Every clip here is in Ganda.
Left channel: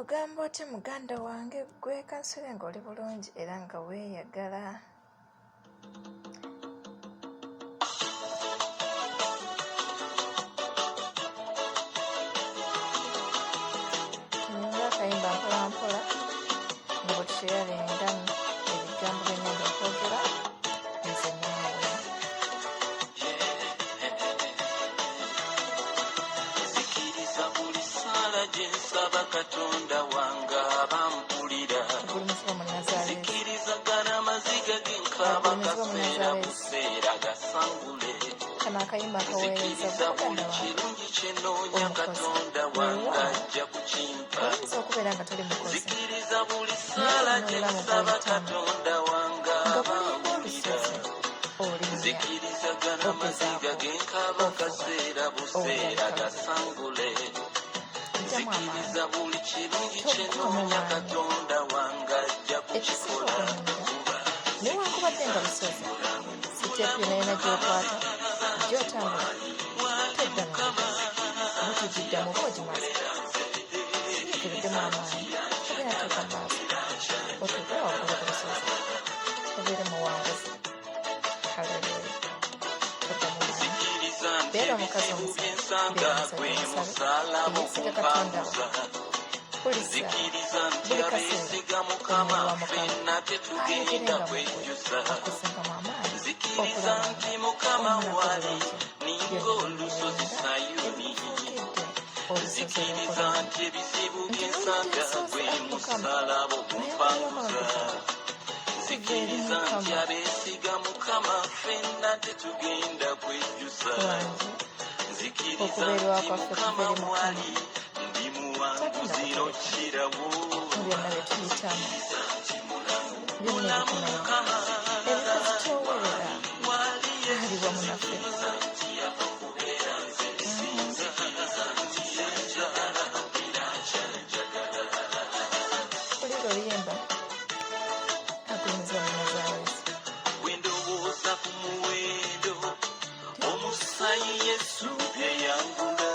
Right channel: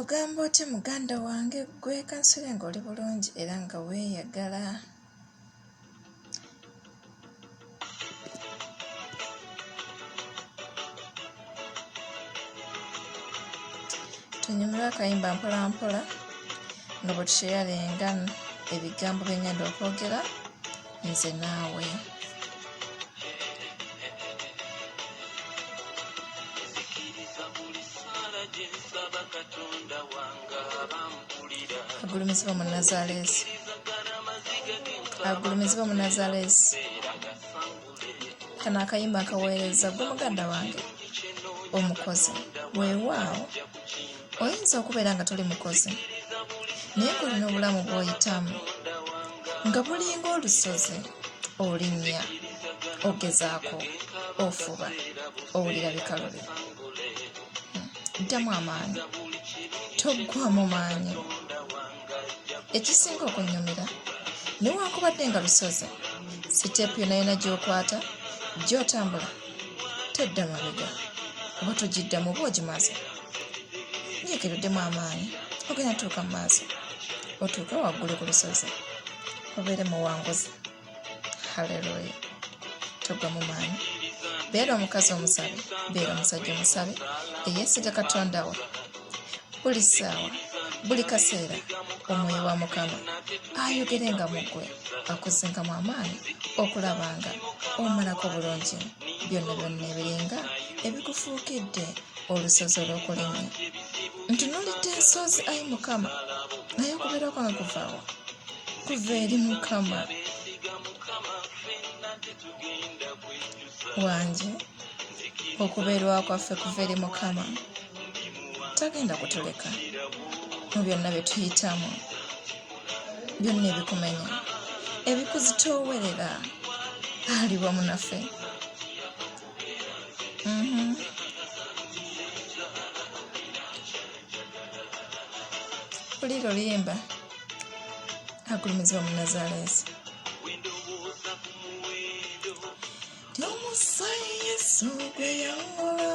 Ogamba otya muganda wange gwe kansule ng'oli bulungi era nga weeyagala? Tunyumira akayimba mpola mpola nga bwe tusheyalenga ebigambo bye ngenda okwogera nze naawe. Agulumizibwa mu Nazaaleesi, agulumizibwa mu Nazaaleesi. Kano akayimba akaweereza gwe muganda wange omukozi. Weewaawo oyinza okubeera nga toli mukozi naye ng'olina obulamu bw'oyitamu nga bulinga olusozi, olinnya, ogezaako, ofuba, owulira bikalubi. Ddamu amaanyi, toggwamu maanyi. Ekisinga okunyumira newankubadde nga lusozi, siteepu yonna yonna gy'okwata gy'otambula tedda mabega, oba tugiddamu oba ogimaze. Nyiikiruddemu amaanyi, ogenda tuuka mu maaso, otuuke waggulu ku lusozi, obeere muwanguzi. Haleluya! Toggamu maanyi. Beera omukazi omusabe, beera omusajja omusabe eyeesiga Katonda wo. Buli ssaawa, buli kaseera omwoyo wa Mukama ayogerenga mu ggwe, akuzzengamu amaanyi okulaba nga omalako bulungi byonna byonna ebiringa ebikufuukidde olusozi olw'okulimya. Ntunuulidde ensozi, ayi Mukama, naye okubeera kwange kuva eri Mukama wange. Okubeerwa kwaffe kuva eri Mukama, tagenda kutuleka mu byonna bye tuyitamu, byonna ebikumenya, ebikuzitoowerera. Ali wamu naffe. Mpulira oluyimba agulumizibwa mu Nazaaleesi. Temusayi Yesu gwe yawula,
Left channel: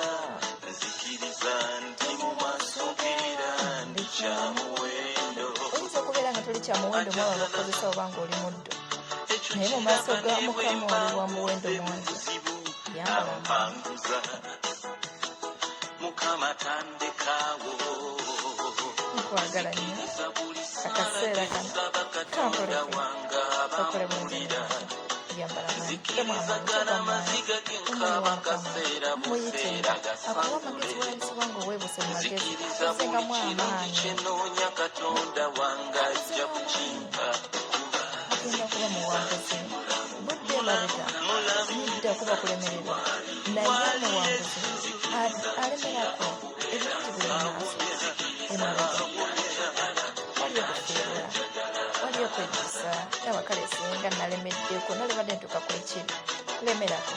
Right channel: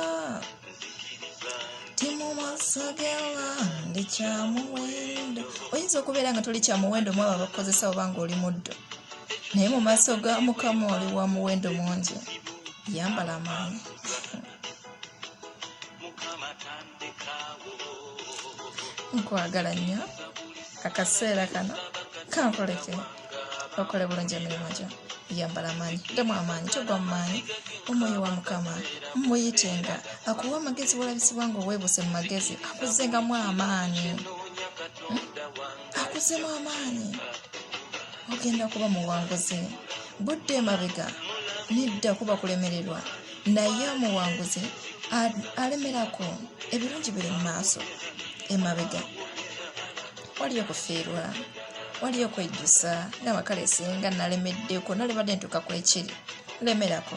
temu maaso g'abandi kyamuwendo. Oyinza okubeera nga toli kyamuwendo mu abo abakozesa oba ng'oli muddo, naye mu maaso ga Mukama oli wa muwendo mungi. Yambala amaanyi. Nkwagala nnyo. Akaseera kano kankoleke okole bulungi emirimu gyo. Yambala amaanyi, ddamu amaanyi, togwa mu maanyi. Omwoyo wa Mukama muyitenga, akuwa amagezi bw'olabisibwa ng'oweebuse mu magezi, akuzzengamu amaanyi, akuzzemu amaanyi. Ogenda kuba muwanguzi. Budde emabega nedda kuba kulemererwa, naye omuwanguzi alemerako. Ebirungi biri mu maaso, emabega waliyo kufiirwa, waliyo kwejjusa. N'abakale singa nalemeddeko, nalibadde ntuuka ku ekiri, lemerako.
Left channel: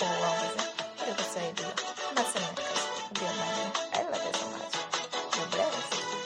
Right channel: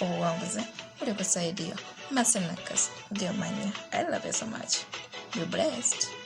Obuwanguzi buli ku sayidi yo. Masenakasi, gye manyi. I love you so much. Be blessed.